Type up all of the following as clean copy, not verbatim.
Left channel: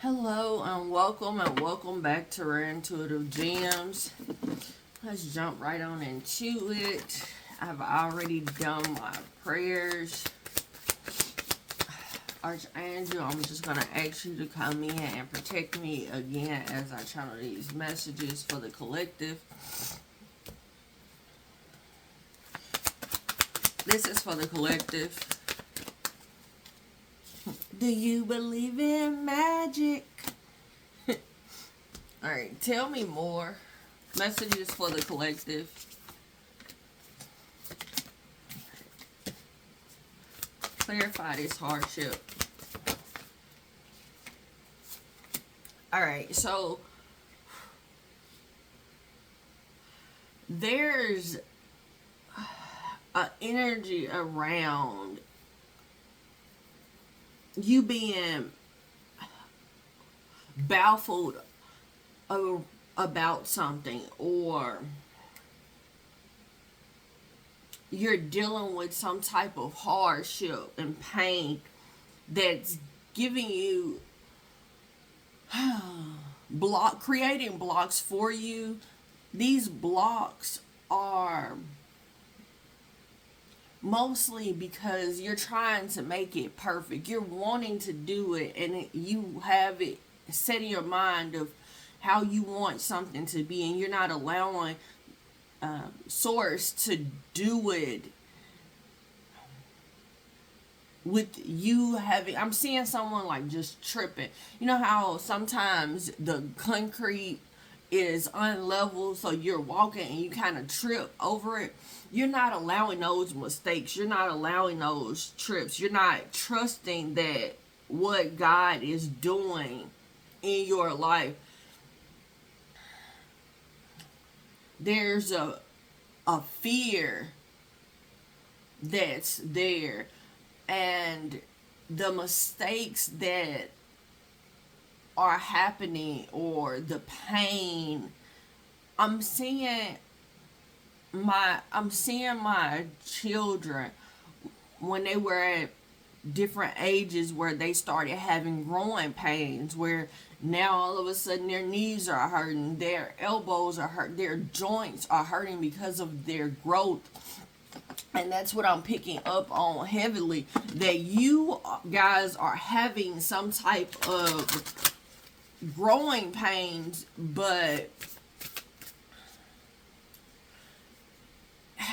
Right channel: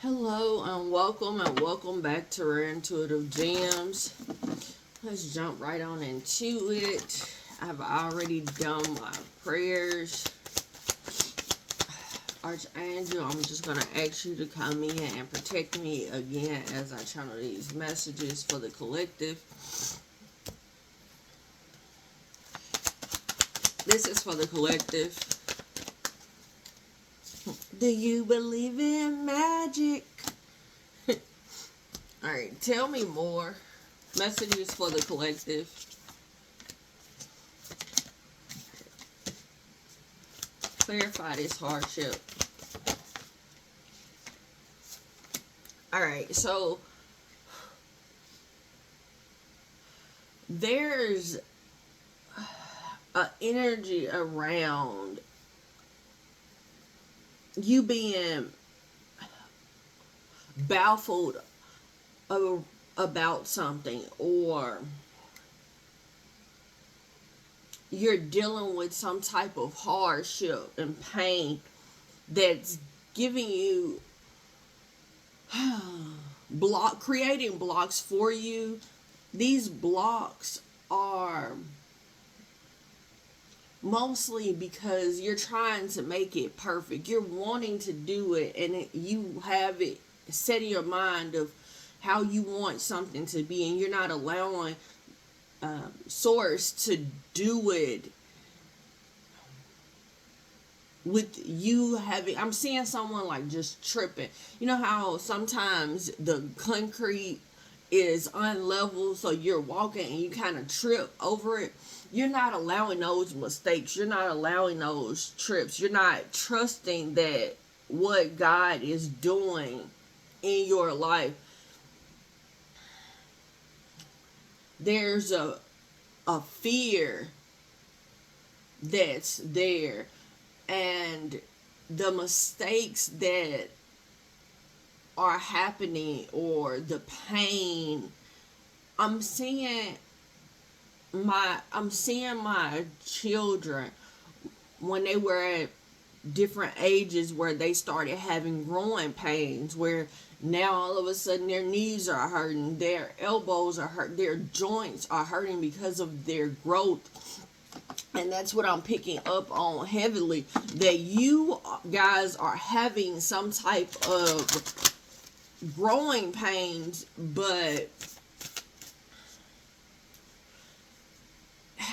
Hello and welcome back to Rare Intuitive Gems. Let's jump right on into it. I've already done my prayers. Archangel, I'm just going to ask you to come in and protect me again as I channel these messages for the collective. This is for the collective. Do you believe in magic? Alright, tell me more. Messages for the collective. Clarify this hardship. Alright, so there's an energy around you being baffled about something, or you're dealing with some type of hardship and pain that's giving you creating blocks for you. These blocks are mostly because you're trying to make it perfect. You're wanting to do it, and you have it set in your mind of how you want something to be, and you're not allowing Source to do it with you having. I'm seeing someone like just tripping. You know how sometimes the concrete is unlevel, so you're walking and you kind of trip over it. You're not allowing those mistakes. You're not allowing those trips. You're not trusting that what God is doing in your life. There's a fear that's there, and the mistakes that are happening, or the pain. I'm seeing my children when they were at different ages where they started having growing pains, where now all of a sudden their knees are hurting, their elbows are hurt, their joints are hurting because of their growth. And that's what I'm picking up on heavily, that you guys are having some type of growing pains, but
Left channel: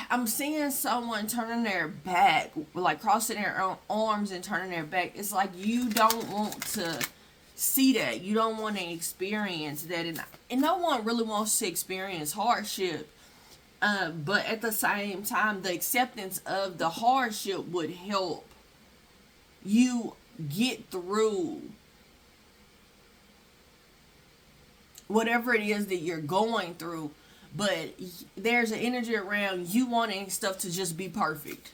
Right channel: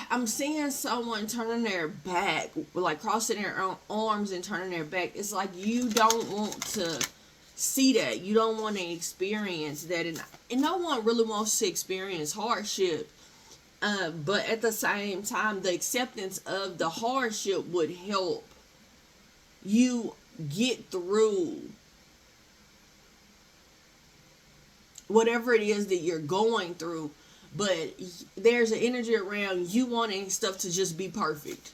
I'm seeing someone turning their back, like crossing their arms and turning their back. It's like you don't want to see that. You don't want to experience that. And no one really wants to experience hardship. But at the same time, the acceptance of the hardship would help you get through whatever it is that you're going through. But there's an energy around you wanting stuff to just be perfect.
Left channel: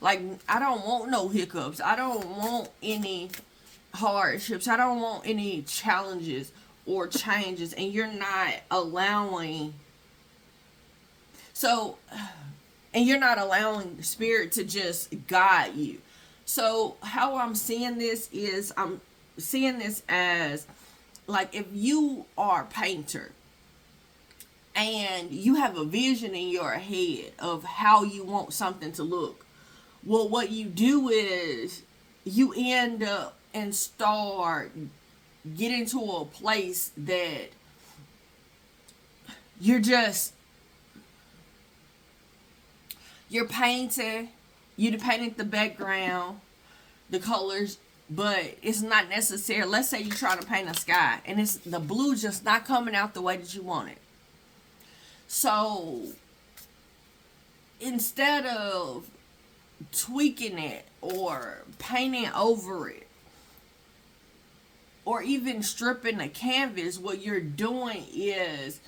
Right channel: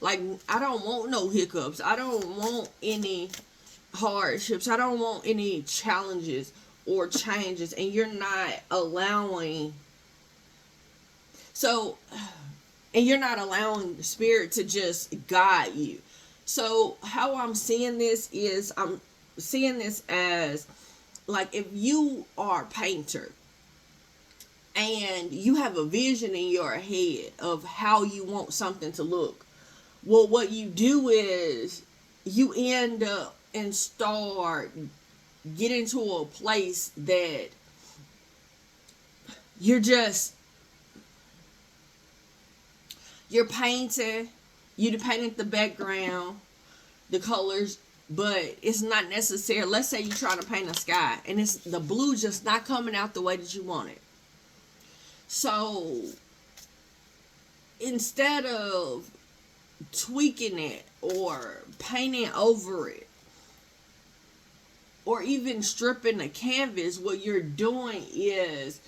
Like, I don't want no hiccups. I don't want any hardships. I don't want any challenges or changes. And you're not allowing. And you're not allowing the Spirit to just guide you. So how I'm seeing this is, I'm seeing this as, like, if you are a painter and you have a vision in your head of how you want something to look, well, what you do is you end up and start getting to a place that you're painting, you're painting the background, the colors, but it's not necessary. Let's say you're trying to paint a sky and it's the blue just not coming out the way that you want it. So instead of tweaking it or painting over it or even stripping the canvas, what you're doing is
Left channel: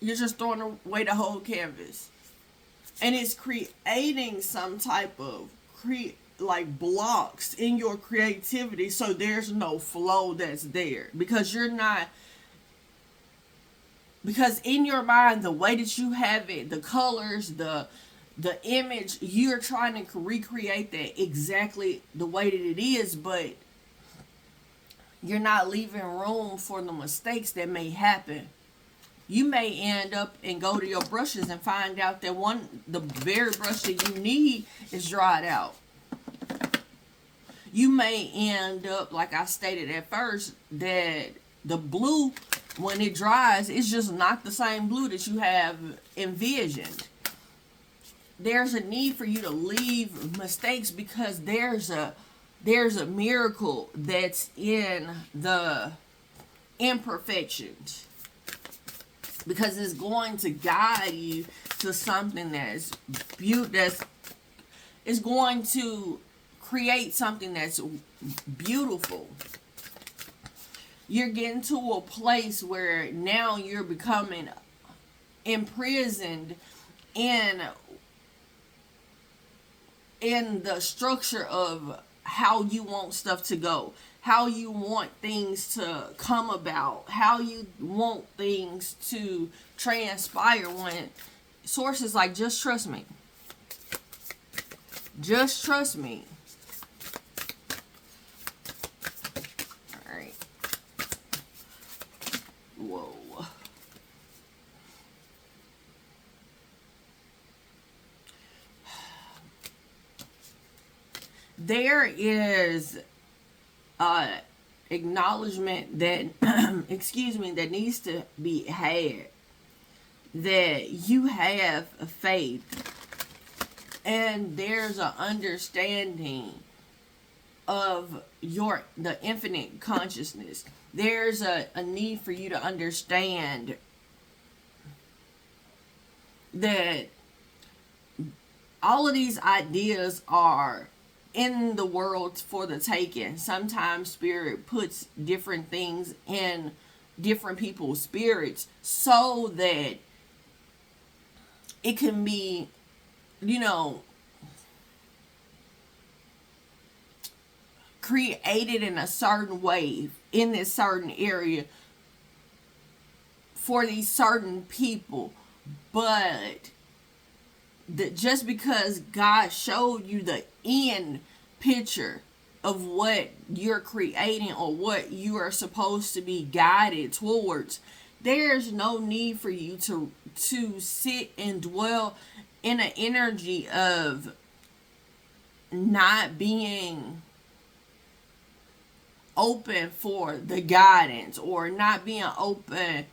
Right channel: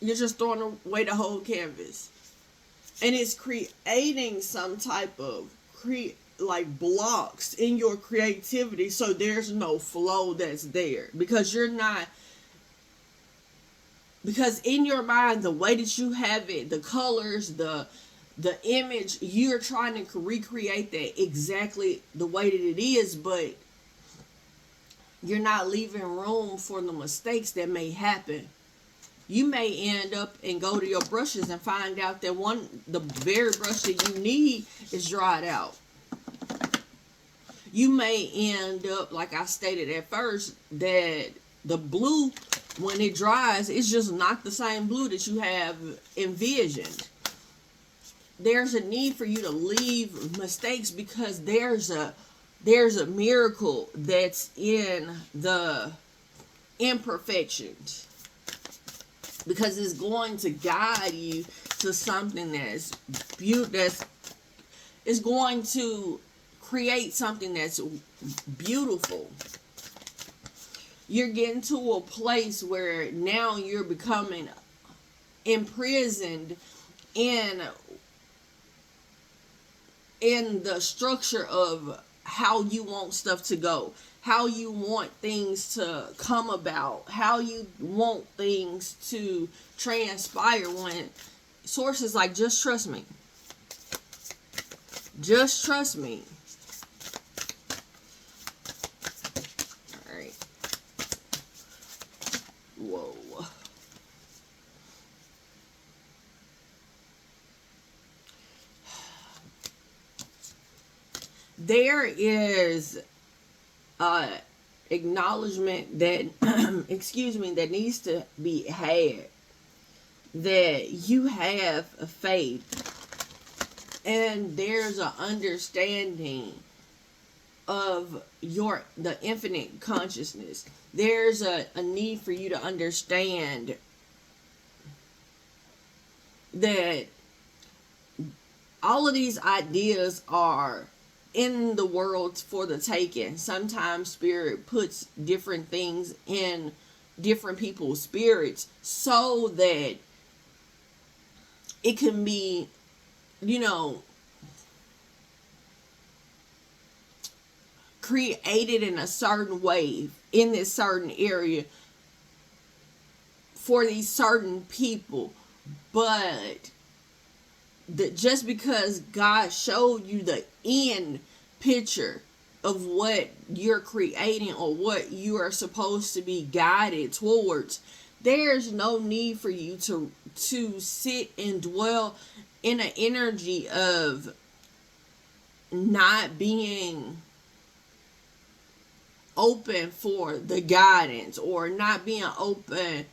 you're just throwing away the whole canvas. And it's creating some type of blocks in your creativity, so there's no flow that's there. Because in your mind, the way that you have it, the colors, the image, you're trying to recreate that exactly the way that it is, but you're not leaving room for the mistakes that may happen. You may end up and go to your brushes and find out that the very brush that you need is dried out. You may end up, like I stated at first, that the blue, when it dries, it's just not the same blue that you have envisioned. There's a need for you to leave mistakes because there's a miracle that's in the imperfections, because it's going to guide you to something that's it's going to create something that's beautiful. You're getting to a place where now you're becoming imprisoned in the structure of how you want stuff to go, how you want things to come about, how you want things to transpire, when source is like, just trust me. Just trust me. Alright. Whoa. There is acknowledgement that excuse me, that needs to be had, that you have a faith, and there's an understanding of the infinite consciousness. There's a need for you to understand that all of these ideas are in the world for the taking. Sometimes spirit puts different things in different people's spirits so that it can be, created in a certain way in this certain area for these certain people. But just because God showed you the end picture of what you're creating or what you are supposed to be guided towards, there's no need for you to sit and dwell in an energy of not being open for the guidance, or not being open,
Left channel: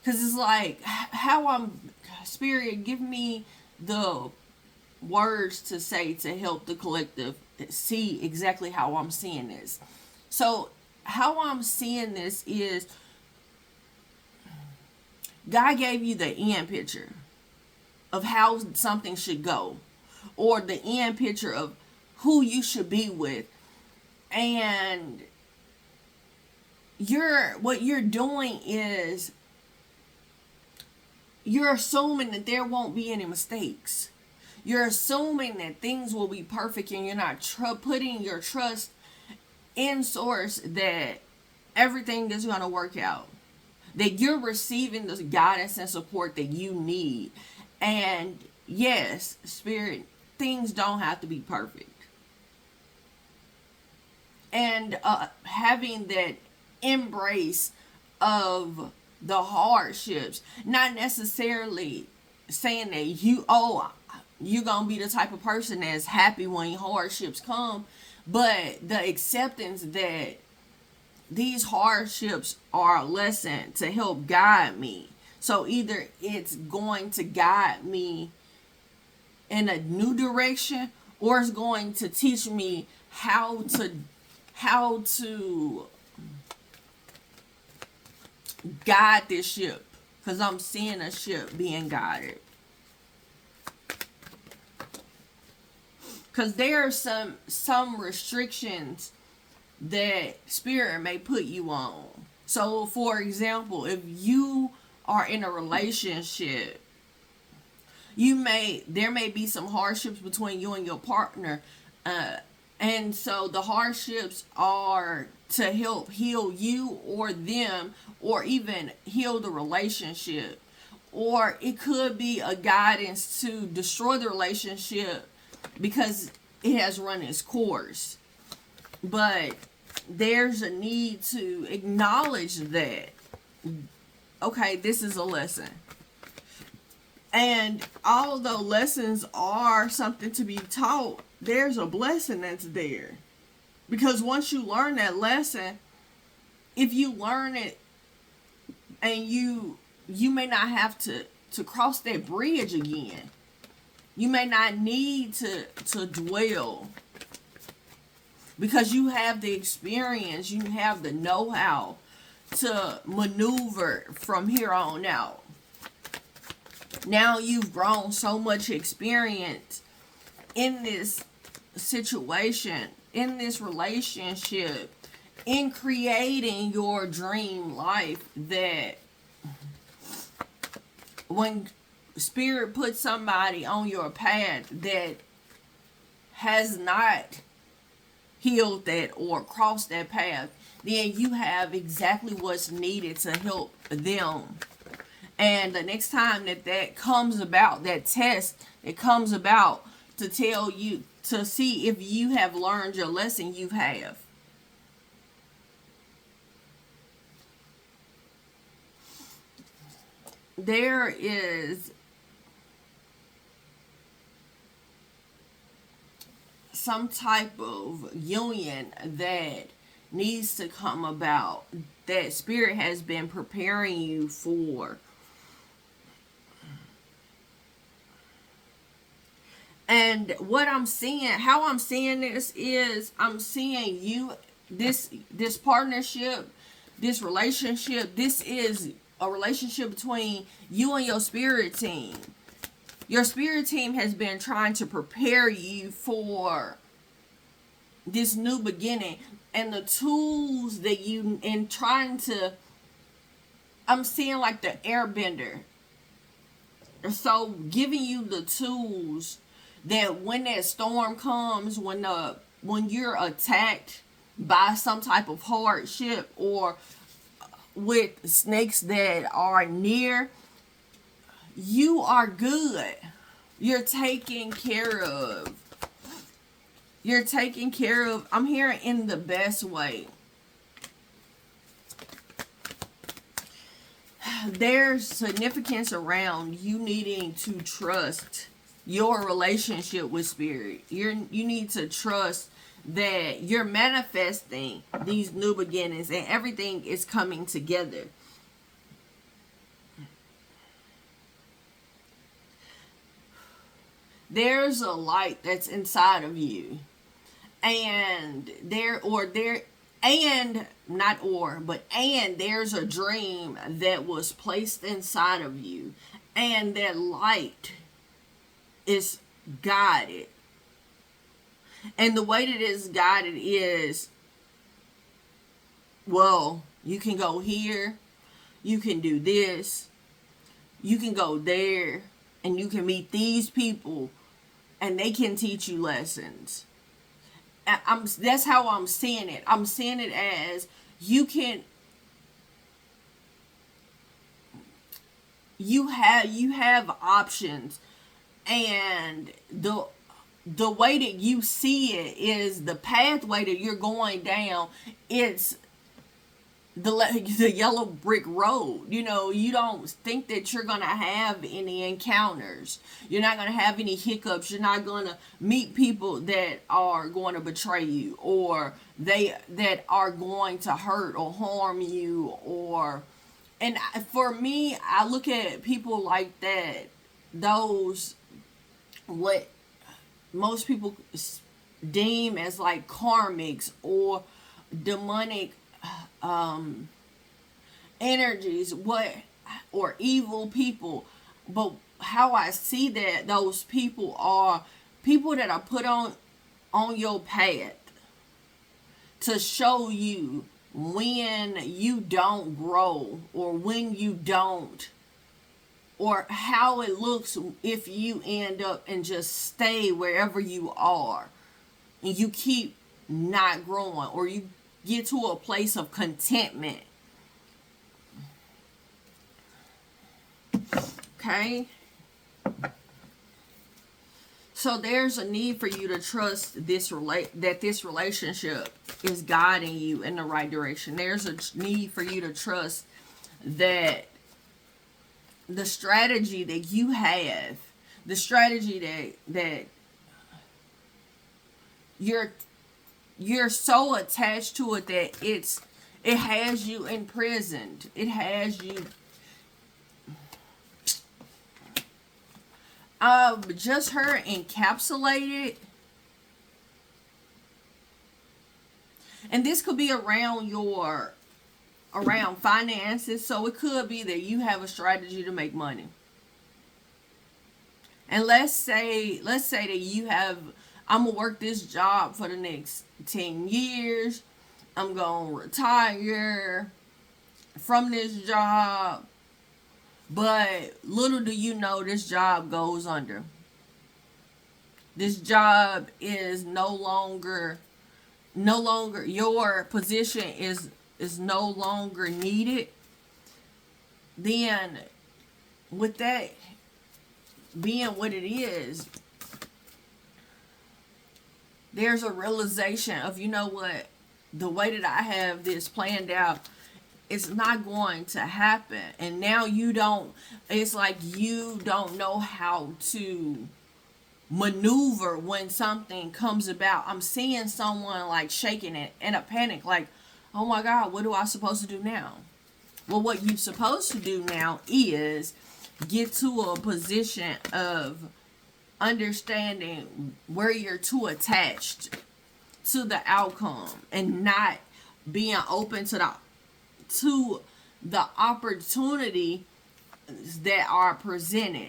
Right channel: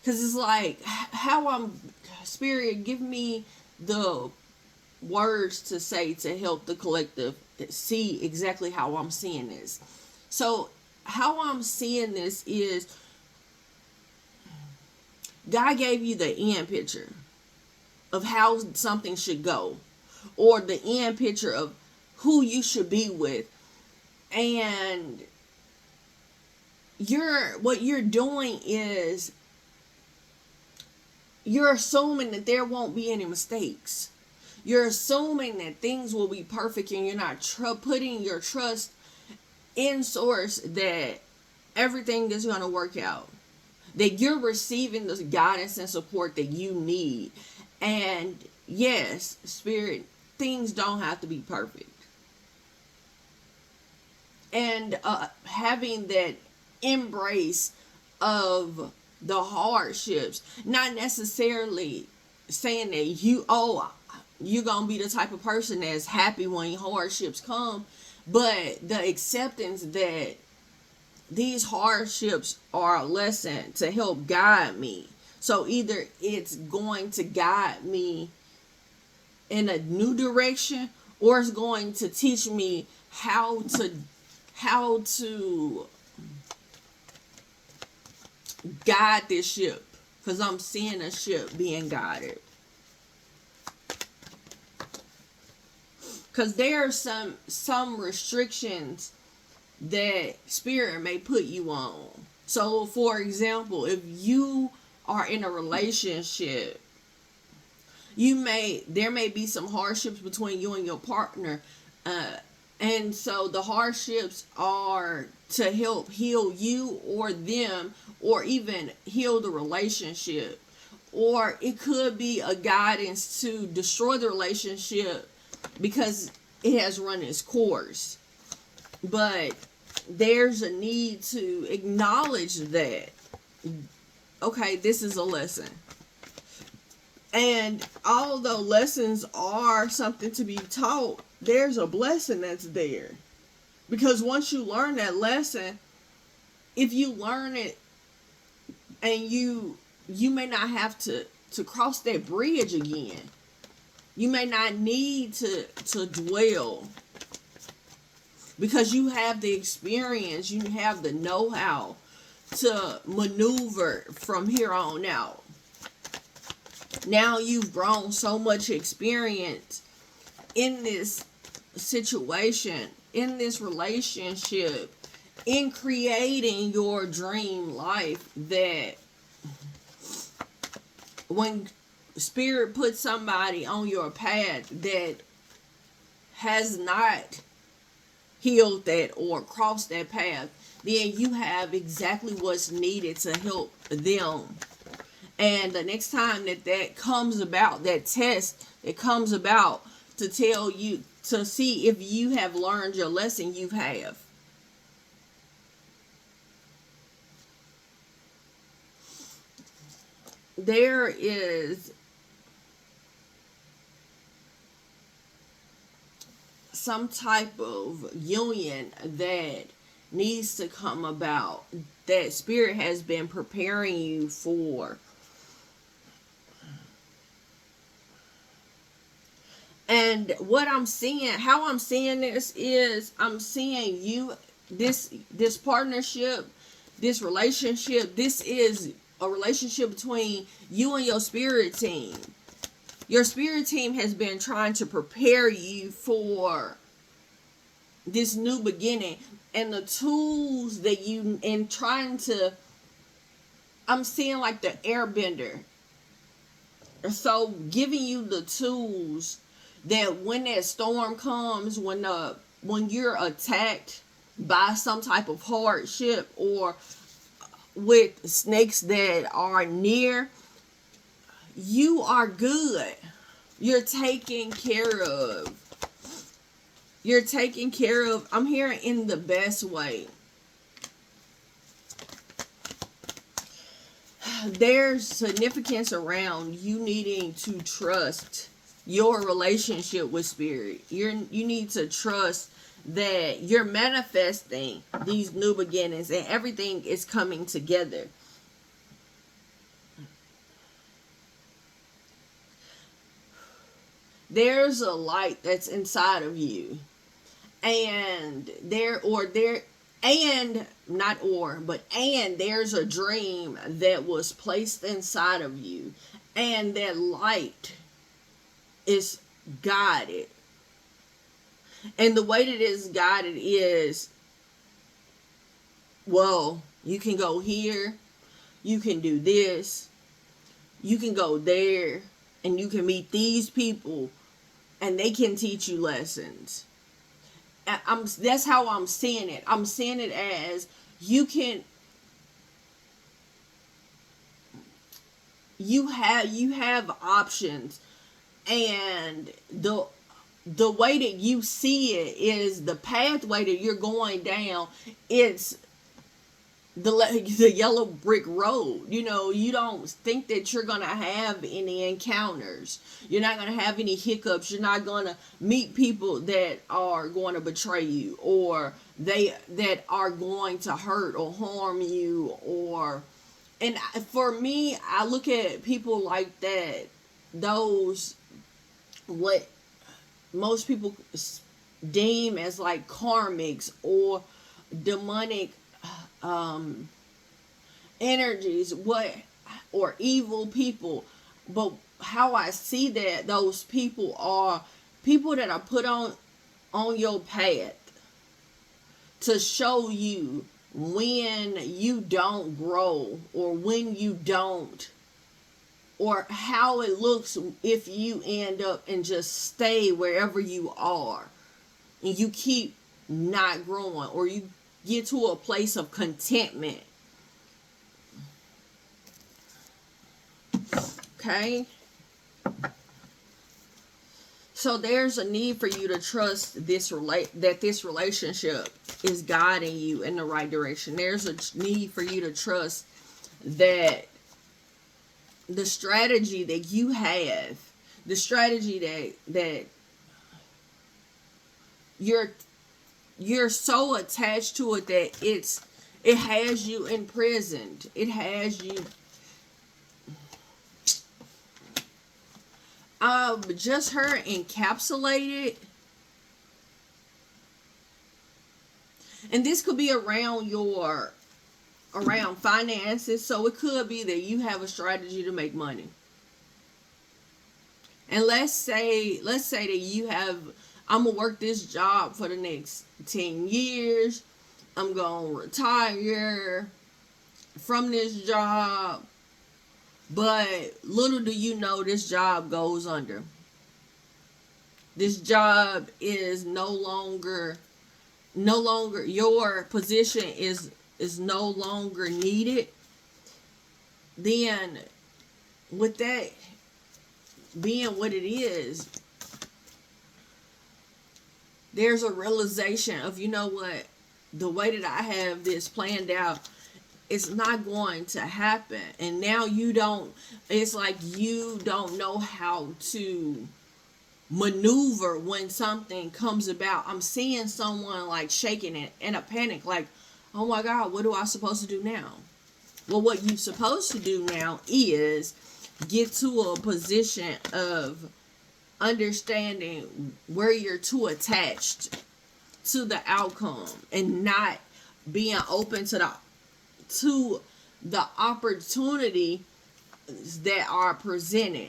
because it's like, Spirit, give me the words to say to help the collective see exactly how I'm seeing this. So how I'm seeing this is, God gave you the end picture of how something should go, or the end picture of who you should be with, and what you're doing is you're assuming that there won't be any mistakes. You're assuming that things will be perfect, and you're not putting your trust in source that everything is going to work out. That you're receiving the guidance and support that you need. And yes, Spirit, things don't have to be perfect. And having that embrace of the hardships, not necessarily saying that you're gonna be the type of person that's happy when hardships come, but the acceptance that these hardships are a lesson to help guide me. So either it's going to guide me in a new direction, or it's going to teach me how to guide this ship, because I'm seeing a ship being guided. Because there are some restrictions that Spirit may put you on. So for example, if you are in a relationship, there may be some hardships between you and your partner, and so the hardships are to help heal you or them, or even heal the relationship. Or it could be a guidance to destroy the relationship because it has run its course. But there's a need to acknowledge that, okay, this is a lesson. And although lessons are something to be taught, there's a blessing that's there. Because once you learn that lesson, if you learn it and you may not have to cross that bridge again. You may not need to dwell, because you have the experience, you have the know-how to maneuver from here on out. Now you've grown so much experience in this situation, in this relationship, in creating your dream life, that when Spirit puts somebody on your path that has not healed that or crossed that path, then you have exactly what's needed to help them. And the next time that comes about, that test that comes about to tell you, to see if you have learned your lesson, you have. There is some type of union that needs to come about, that Spirit has been preparing you for. And what I'm seeing, how I'm seeing this is, I'm seeing you, this partnership, this relationship, this is a relationship between you and your spirit team. Your spirit team has been trying to prepare you for this new beginning, and the tools that you, in trying to, I'm seeing like the airbender. So giving you the tools that when that storm comes, when you're attacked by some type of hardship or with snakes that are near, you are good. You're taken care of. You're taken care of. I'm hearing in the best way. There's significance around you needing to trust your relationship with Spirit. You need to trust that you're manifesting these new beginnings and everything is coming together. There's a light that's inside of you, and there's a dream that was placed inside of you, and that light is guided. And the way that it's guided is, well, you can go here, you can do this, you can go there, and you can meet these people, and they can teach you lessons. That's how I'm seeing it. I'm seeing it as you have options, and the way that you see it is the pathway that you're going down. It's the yellow brick road. You don't think that you're going to have any encounters. You're not going to have any hiccups. You're not going to meet people that are going to betray you, or that are going to hurt or harm you. And for me, I look at people like that, those, what most people deem as like karmics or demonic energies, or evil people. But how I see that, those people are people that are put on your path to show you when you don't grow, or when you don't, or how it looks if you end up and just stay wherever you are and you keep not growing, or you get to a place of contentment. Okay? So there's a need for you to trust that this relationship is guiding you in the right direction. There's a need for you to trust that the strategy that you have, the strategy that you're so attached to it that it has you imprisoned. It has you just her encapsulated. And this could be around finances. So it could be that you have a strategy to make money. And let's say that you have, I'm gonna work this job for the next 10 years. I'm gonna retire from this job. But little do you know, this job goes under. This job is no longer your position is no longer needed. Then with that being what it is, there's a realization of, you know what, the way that I have this planned out, it's not going to happen. And now it's like you don't know how to maneuver when something comes about. I'm seeing someone like shaking it in a panic, like, oh my God, what am I supposed to do now? Well, what you're supposed to do now is get to a position of understanding where you're too attached to the outcome and not being open to the opportunity that are presented.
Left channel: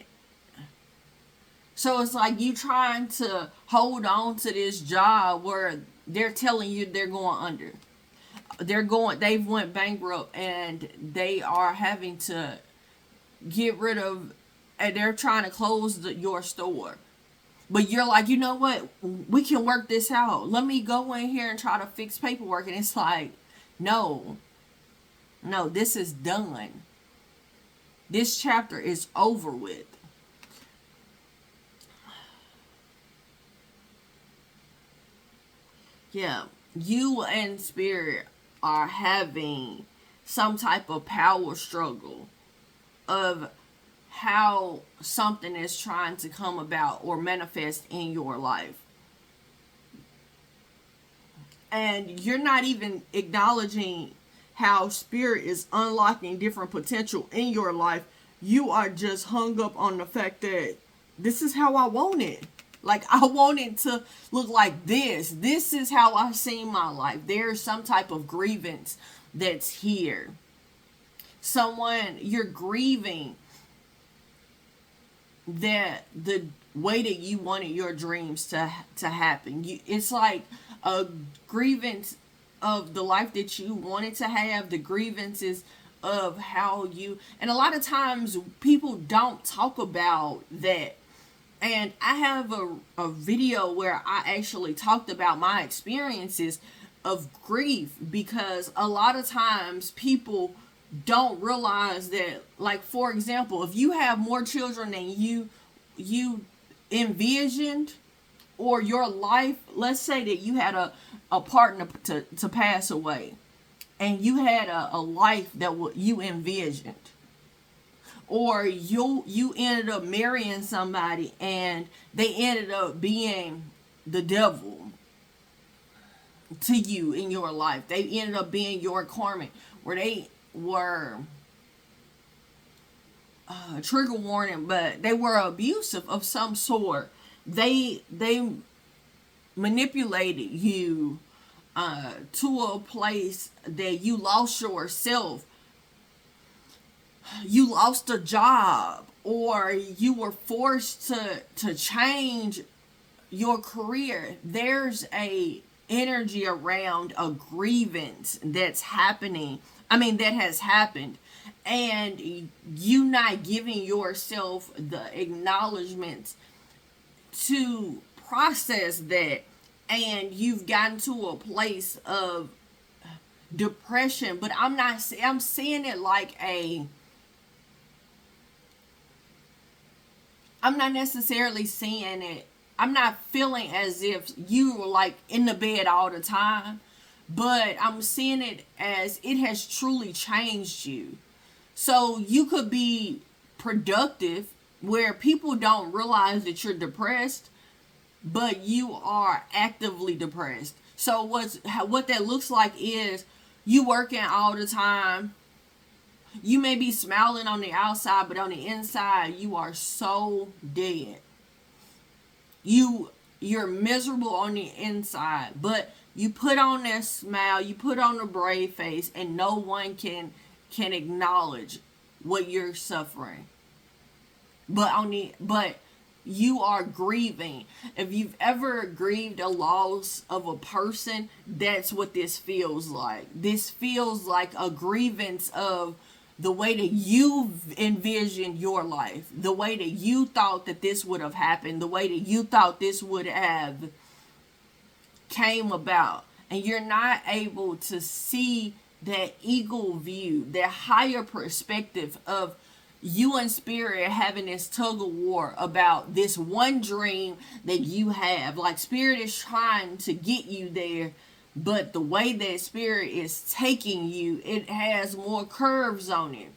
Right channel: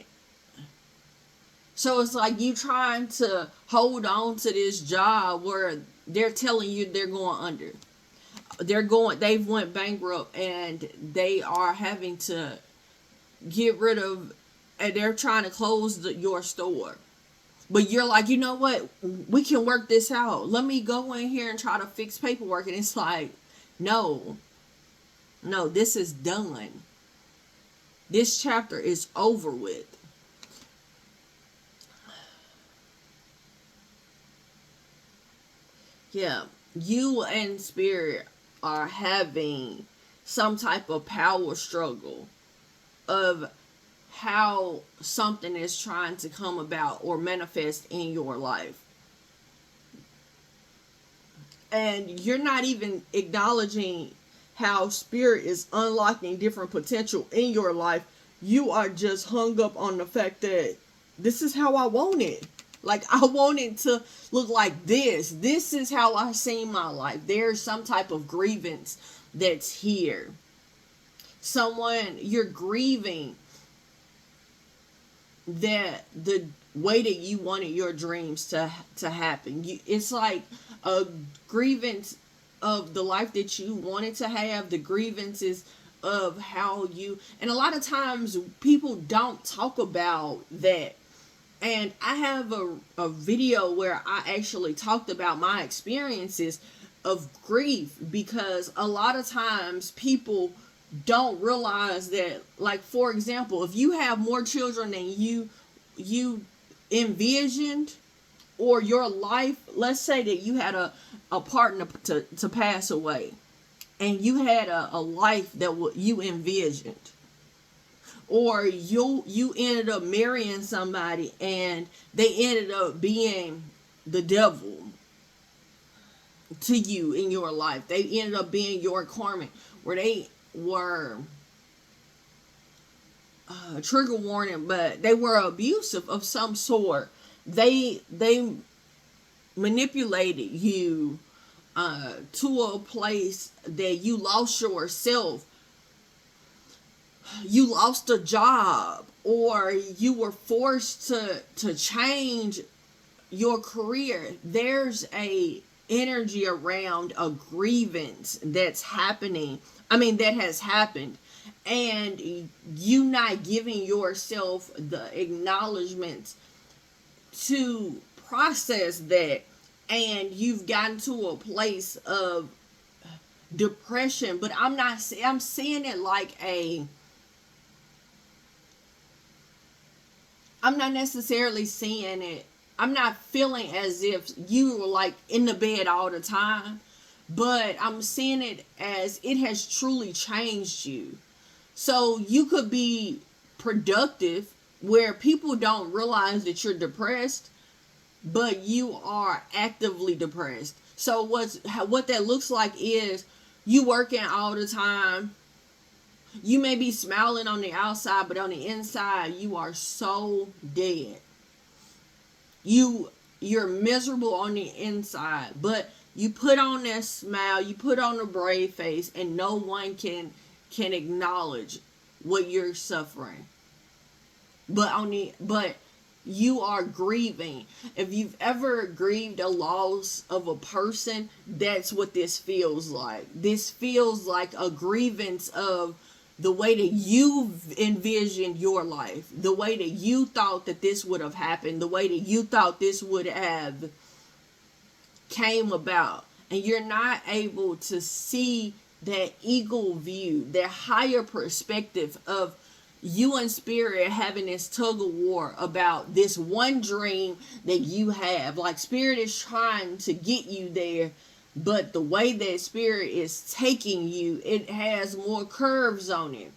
So it's like you trying to hold on to this job where they're telling you they're going under. They've went bankrupt and they are having to get rid of, and they're trying to close your store. But you're like, you know what? We can work this out. Let me go in here and try to fix paperwork. And it's like, no, this is done. This chapter is over with. Yeah, you and Spirit are having some type of power struggle of how something is trying to come about or manifest in your life. And you're not even acknowledging how Spirit is unlocking different potential in your life. You are just hung up on the fact that this is how I want it. Like, I want it to look like this. This is how I see my life. There's some type of grievance that's here. You're grieving that the way that you wanted your dreams to happen. It's like a grievance of the life that you wanted to have, the grievances of how you, and a lot of times people don't talk about that. And I have a video where I actually talked about my experiences of grief, because a lot of times people don't realize that, like, for example, if you have more children than you envisioned, or your life, let's say that you had a partner to pass away, and you had a life that you envisioned, or you ended up marrying somebody and they ended up being the devil to you in your life. They ended up being your karmic, where they were trigger warning, but they were abusive of some sort. They manipulated you to a place that you lost yourself. You lost a job, or you were forced to change your career. There's a energy around a grievance that's happening. That has happened. And you not giving yourself the acknowledgement to process that. And you've gotten to a place of depression. But I'm seeing it like I'm not necessarily seeing it. I'm not feeling as if you were like in the bed all the time. but I'm seeing it as it has truly changed you. So you could be productive where people don't realize that you're depressed, but you are actively depressed. So what that looks like is you working all the time. You may be smiling on the outside, but on the inside you are so dead. You're miserable on the inside, but you put on that smile, you put on a brave face, and no one can acknowledge what you're suffering. But you are grieving. If you've ever grieved a loss of a person, that's what this feels like. This feels like a grievance of the way that you envisioned your life, the way that you thought that this would have happened, the way that you thought this would have came about, and you're not able to see that eagle view, that higher perspective of you and spirit having this tug of war about this one dream that you have. Like spirit is trying to get you there, but the way that spirit is taking you, it has more curves on it.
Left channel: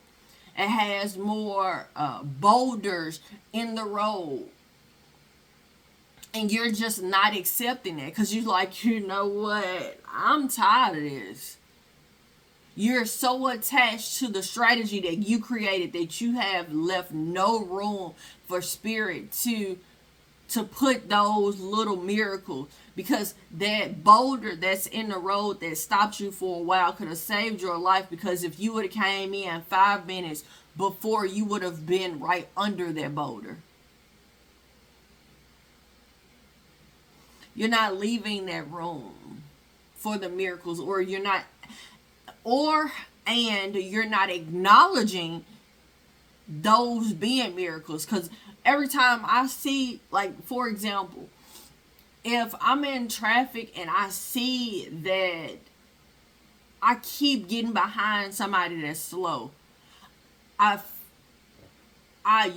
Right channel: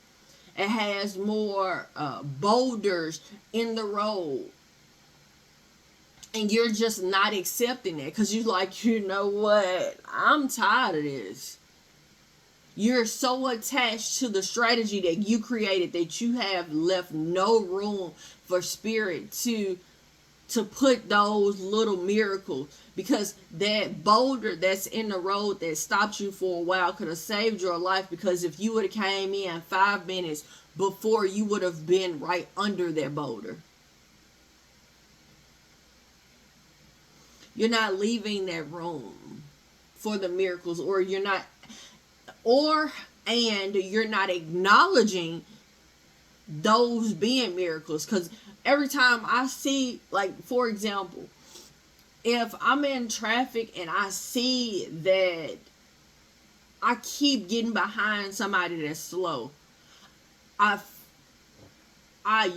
It has more boulders in the road. And you're just not accepting it because you're like, you know what? I'm tired of this. You're so attached to the strategy that you created that you have left no room for spirit to put those little miracles, because that boulder that's in the road that stopped you for a while could have saved your life, because if you would have came in 5 minutes before, you would have been right under that boulder. You're not leaving that room for the miracles, or you're not acknowledging those being miracles. Because every time I see, like, for example, if I'm in traffic and I see that I keep getting behind somebody that's slow, I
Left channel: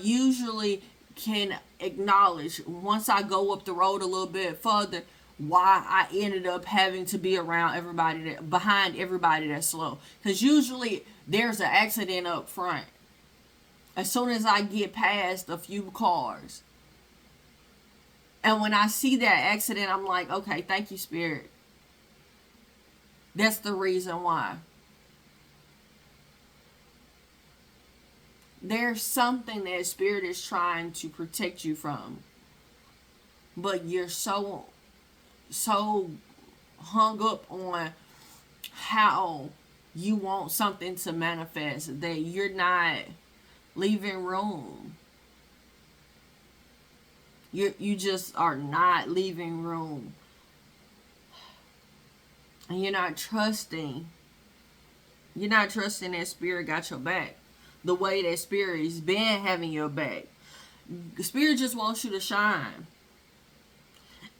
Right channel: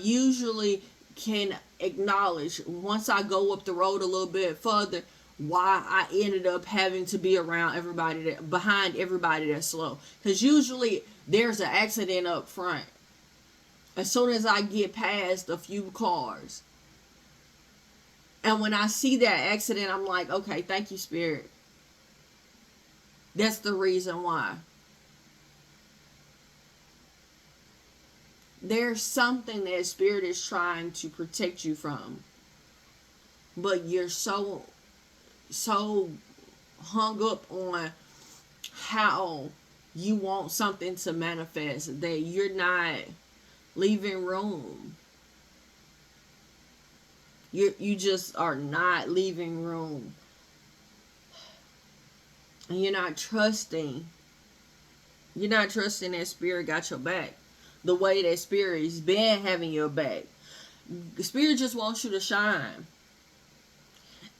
usually can acknowledge, once I go up the road a little bit further, why I ended up having to be around behind everybody that's slow. Because usually there's an accident up front as soon as I get past a few cars. And when I see that accident, I'm like, okay, thank you, Spirit. That's the reason why. There's something that Spirit is trying to protect you from. But you're so hung up on how you want something to manifest that you're not leaving room. You just are not leaving room. And you're not trusting that Spirit got your back the way that Spirit has been having your back. The Spirit just wants you to shine.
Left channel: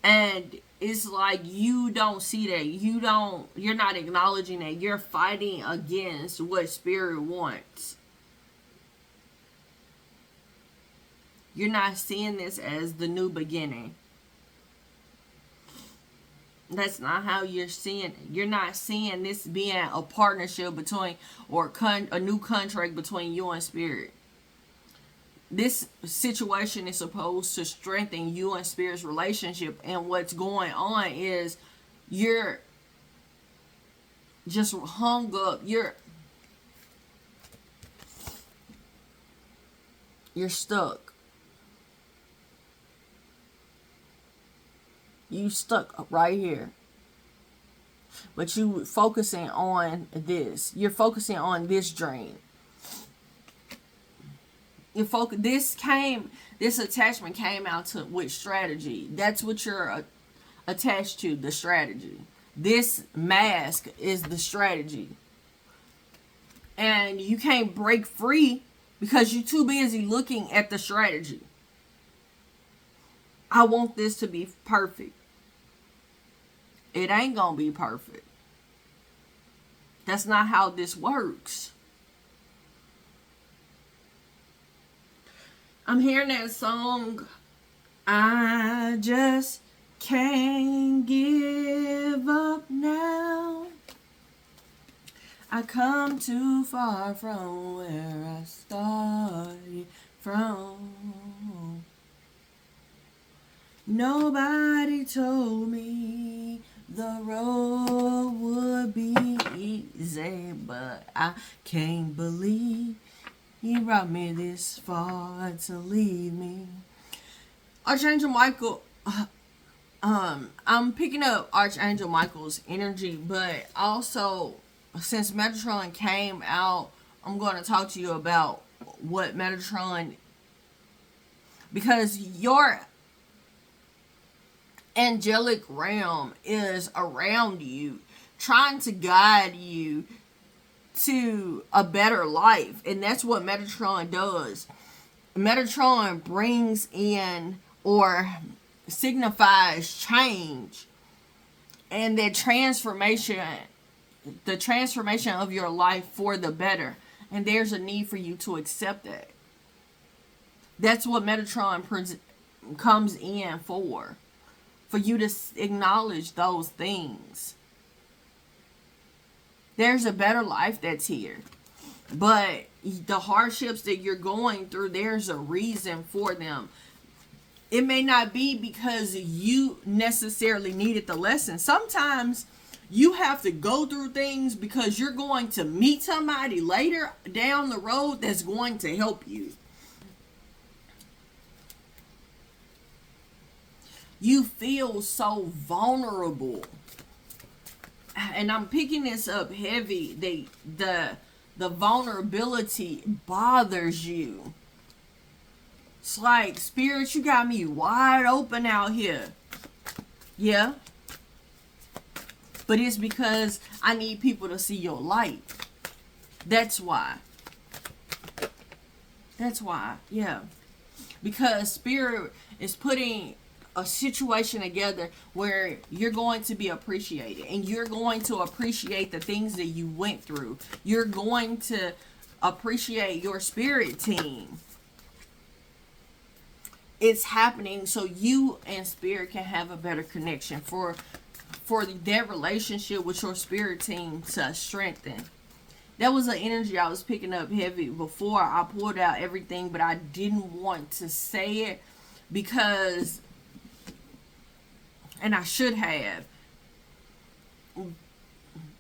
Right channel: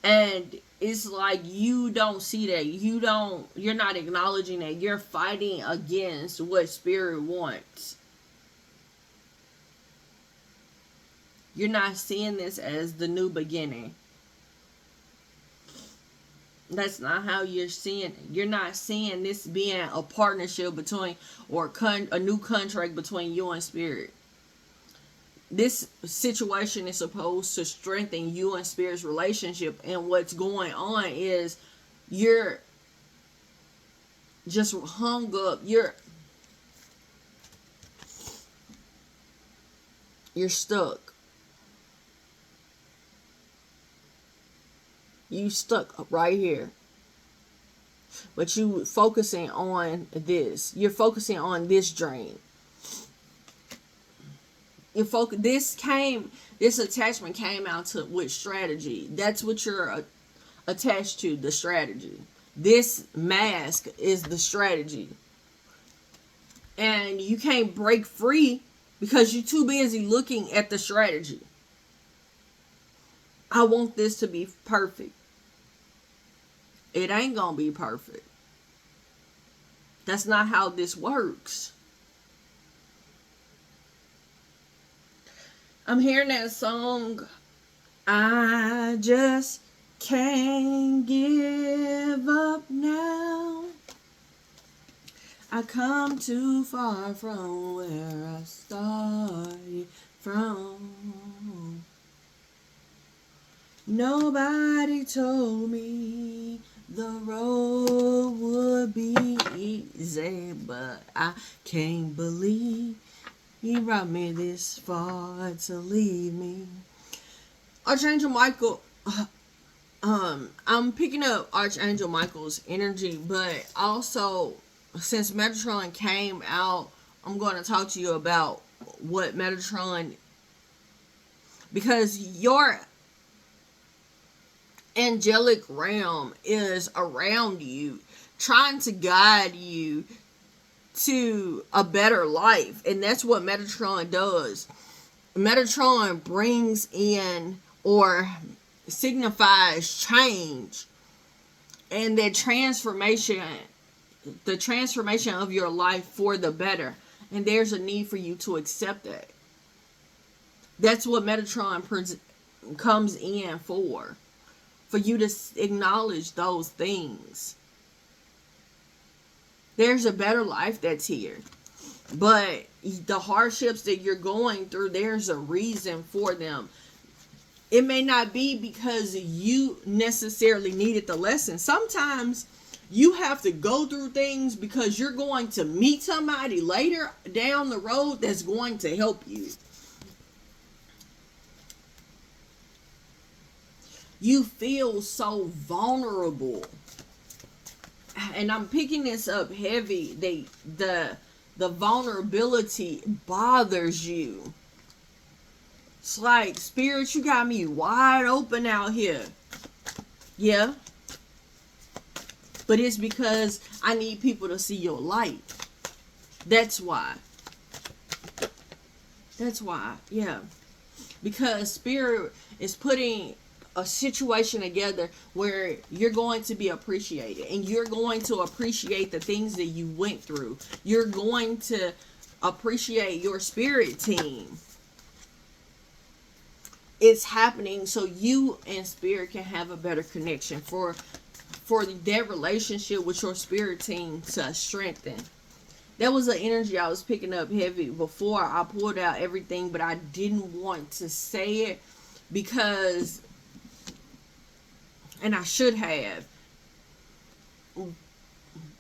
And it's like you don't see that. You're not acknowledging that. You're fighting against what Spirit wants. You're not seeing this as the new beginning. That's not how you're seeing it. You're not seeing this being a partnership between, or a new contract between you and Spirit. This situation is supposed to strengthen you and Spirit's relationship, and what's going on is you're just hung up. You're stuck. You stuck right here. But you focusing on this. You're focusing on this dream. This attachment came out with strategy. That's what you're attached to, the strategy. This mask is the strategy. And you can't break free because you're too busy looking at the strategy. I want this to be perfect. It ain't gonna be perfect. That's not how this works. I'm hearing that song, I just can't give up now. I come too far from where I started from. Nobody told me the road would be easy, but I can't believe he brought me this far to leave me. Archangel Michael, I'm picking up Archangel Michael's energy, but also since Metatron came out, I'm going to talk to you about what Metatron, because your angelic realm is around you, trying to guide you to a better life, and that's what Metatron does. Metatron brings in or signifies change and the transformation of your life for the better, and there's a need for you to accept that. That's what Metatron comes in for you to acknowledge those things. There's a better life that's here, but the hardships that you're going through, there's a reason for them. It may not be because you necessarily needed the lesson. Sometimes you have to go through things because you're going to meet somebody later down the road that's going to help you. You feel so vulnerable. And I'm picking this up heavy. The vulnerability bothers you. It's like, Spirit, you got me wide open out here. Yeah. But it's because I need people to see your light. That's why. That's why. Yeah. Because Spirit is putting a situation together where you're going to be appreciated, and you're going to appreciate the things that you went through. You're going to appreciate your spirit team. It's happening so you and spirit can have a better connection, for their relationship with your spirit team to strengthen. That was an energy I was picking up heavy before I pulled out everything, but I didn't want to say it because, and I should have,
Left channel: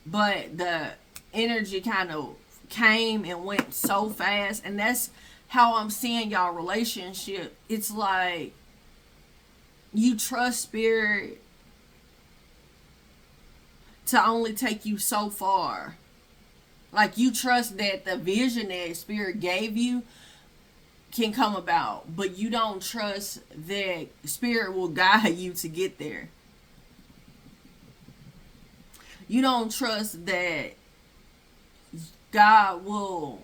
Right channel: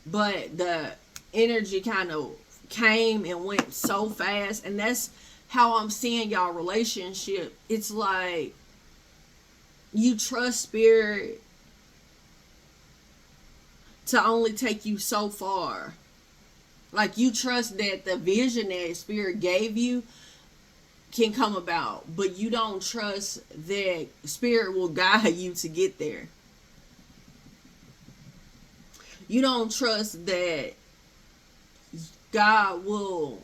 but the energy kind of came and went so fast, and that's how I'm seeing y'all relationship. It's like you trust spirit to only take you so far. Like, you trust that the vision that spirit gave you can come about, but you don't trust that spirit will guide you to get there. You don't trust that God will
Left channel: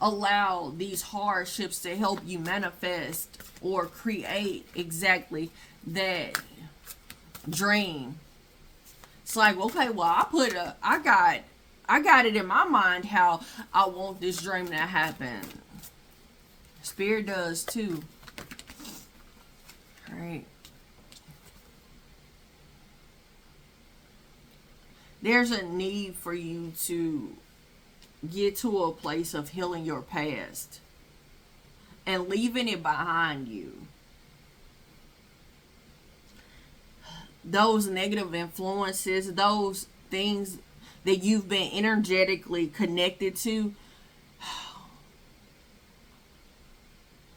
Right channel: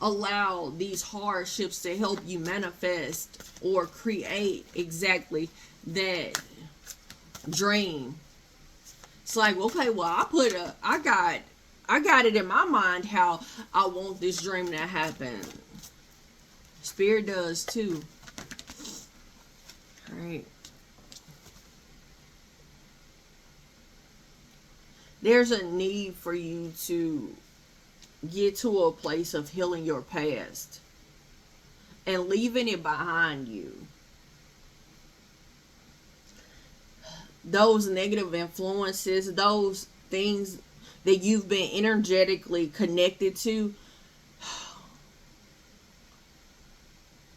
allow these hardships to help you manifest or create exactly that dream. It's like, okay, well, I got it in my mind how I want this dream to happen. Spirit does too. Alright. There's a need for you to get to a place of healing your past and leaving it behind you. Those negative influences, those things that you've been energetically connected to,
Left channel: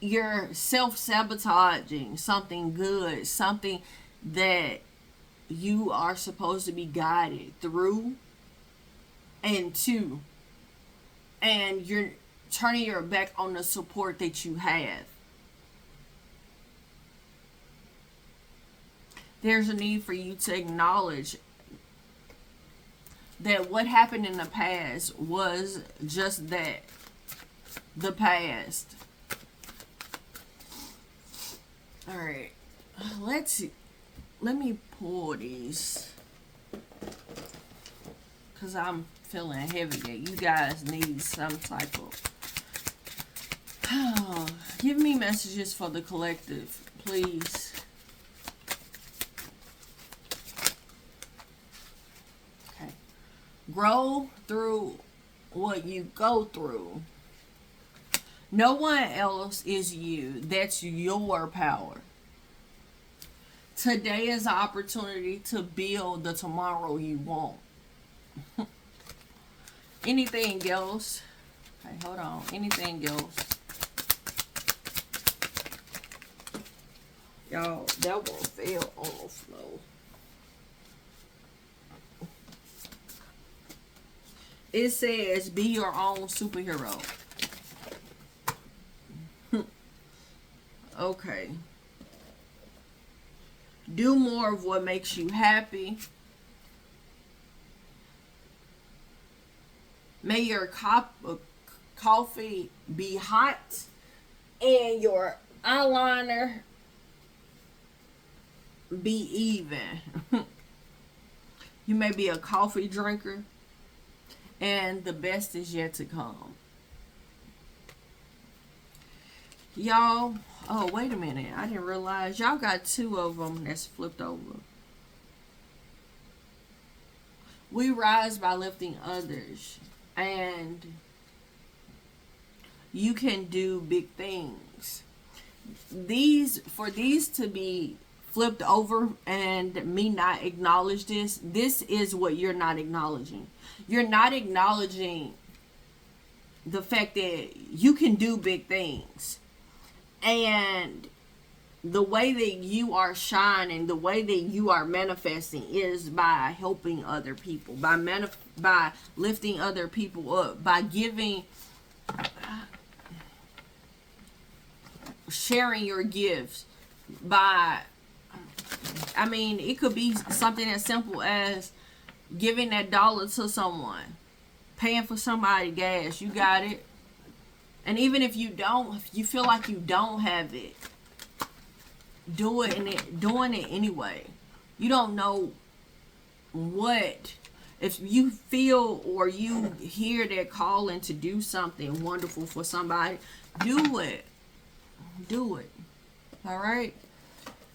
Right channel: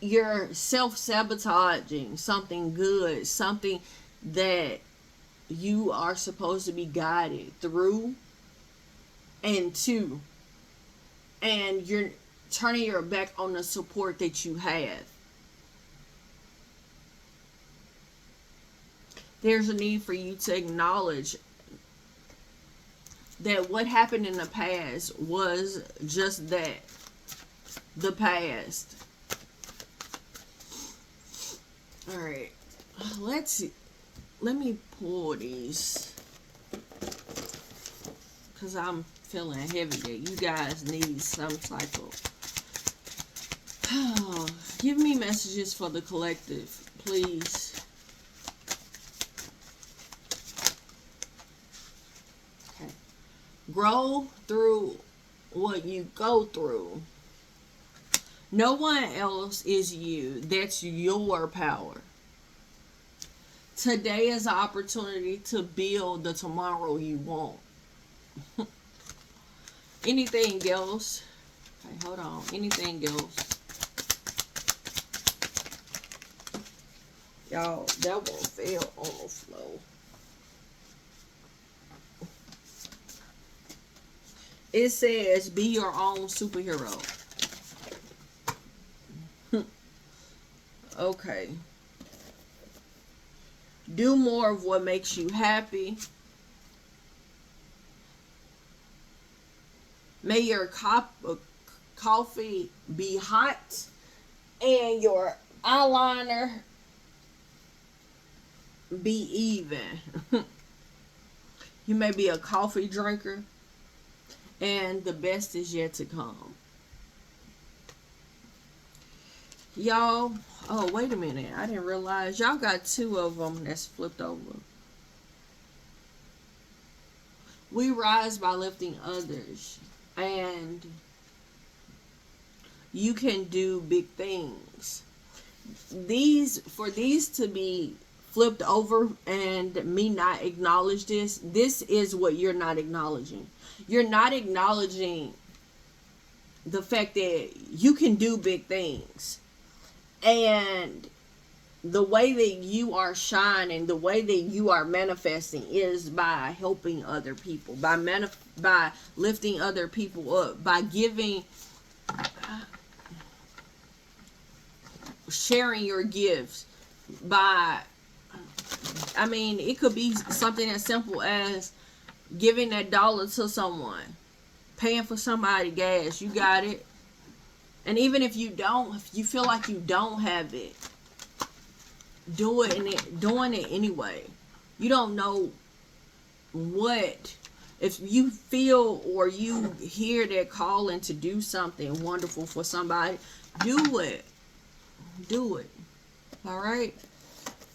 you're self-sabotaging something good, something that you are supposed to be guided through and to. And you're turning your back on the support that you have. There's a need for you to acknowledge that what happened in the past was just that. The past. Alright. Let me pull these. Because I'm feeling heavy that you guys need some type of... Oh, give me messages for the collective, please. Grow through what you go through. No one else is you. That's your power. Today is an opportunity to build the tomorrow you want. Anything else? Hey, hold on. Anything else? Y'all, that one fell on the floor. It says, be your own superhero. Okay. Do more of what makes you happy. May your coffee be hot and your eyeliner be even. You may be a coffee drinker, and the best is yet to come. Y'all, oh, wait a minute. I didn't realize y'all got 2 of them that's flipped over. We rise by lifting others, and you can do big things. For these to be flipped over and me not acknowledge this is what you're not acknowledging. You're not acknowledging the fact that you can do big things. And the way that you are shining, the way that you are manifesting is by helping other people, by lifting other people up, by sharing your gifts, it could be something as simple as giving that dollar to someone, paying for somebody gas. You got it. And even if you don't, if you feel like you don't have it, doing it anyway. You don't know what, if you feel or you hear that calling to do something wonderful for somebody, do it. All right.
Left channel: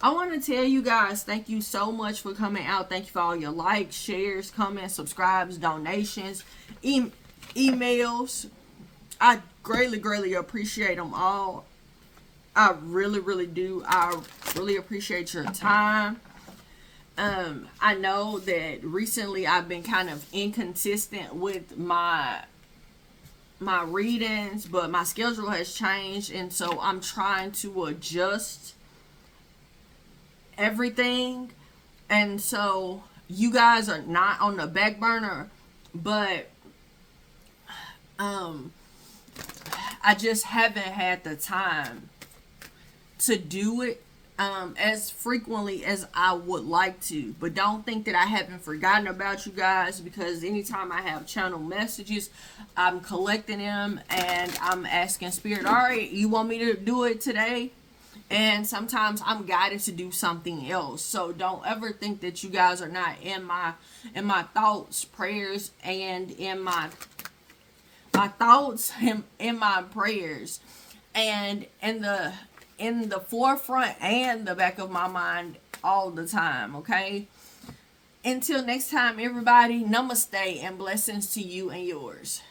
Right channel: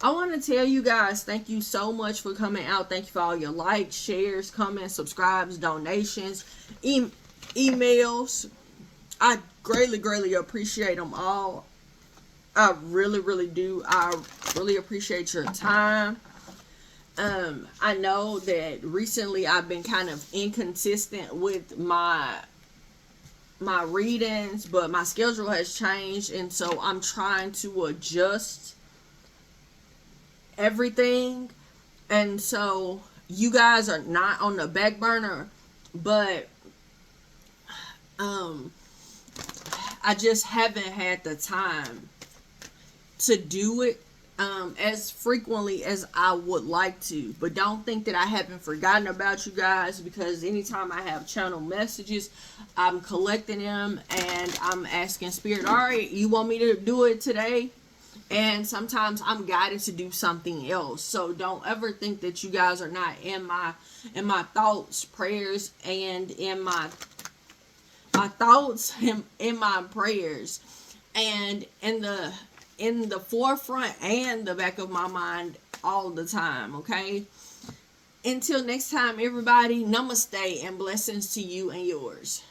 I want to tell you guys, thank you so much for coming out. Thank you for all your likes, shares, comments, subscribes, donations, emails. I greatly appreciate them all. I really do. I really appreciate your time. I know that recently I've been kind of inconsistent with my readings, but my schedule has changed, and so I'm trying to adjust everything. And so you guys are not on the back burner, but I just haven't had the time to do it as frequently as I would like to. But don't think that I haven't forgotten about you guys, because anytime I have channel messages, I'm collecting them and I'm asking Spirit, all right, you want me to do it today? And sometimes I'm guided to do something else. So don't ever think that you guys are not in my thoughts, prayers, and in my thoughts, in my prayers, and in the forefront and the back of my mind all the time. Okay. Until next time, everybody, namaste and blessings to you and yours.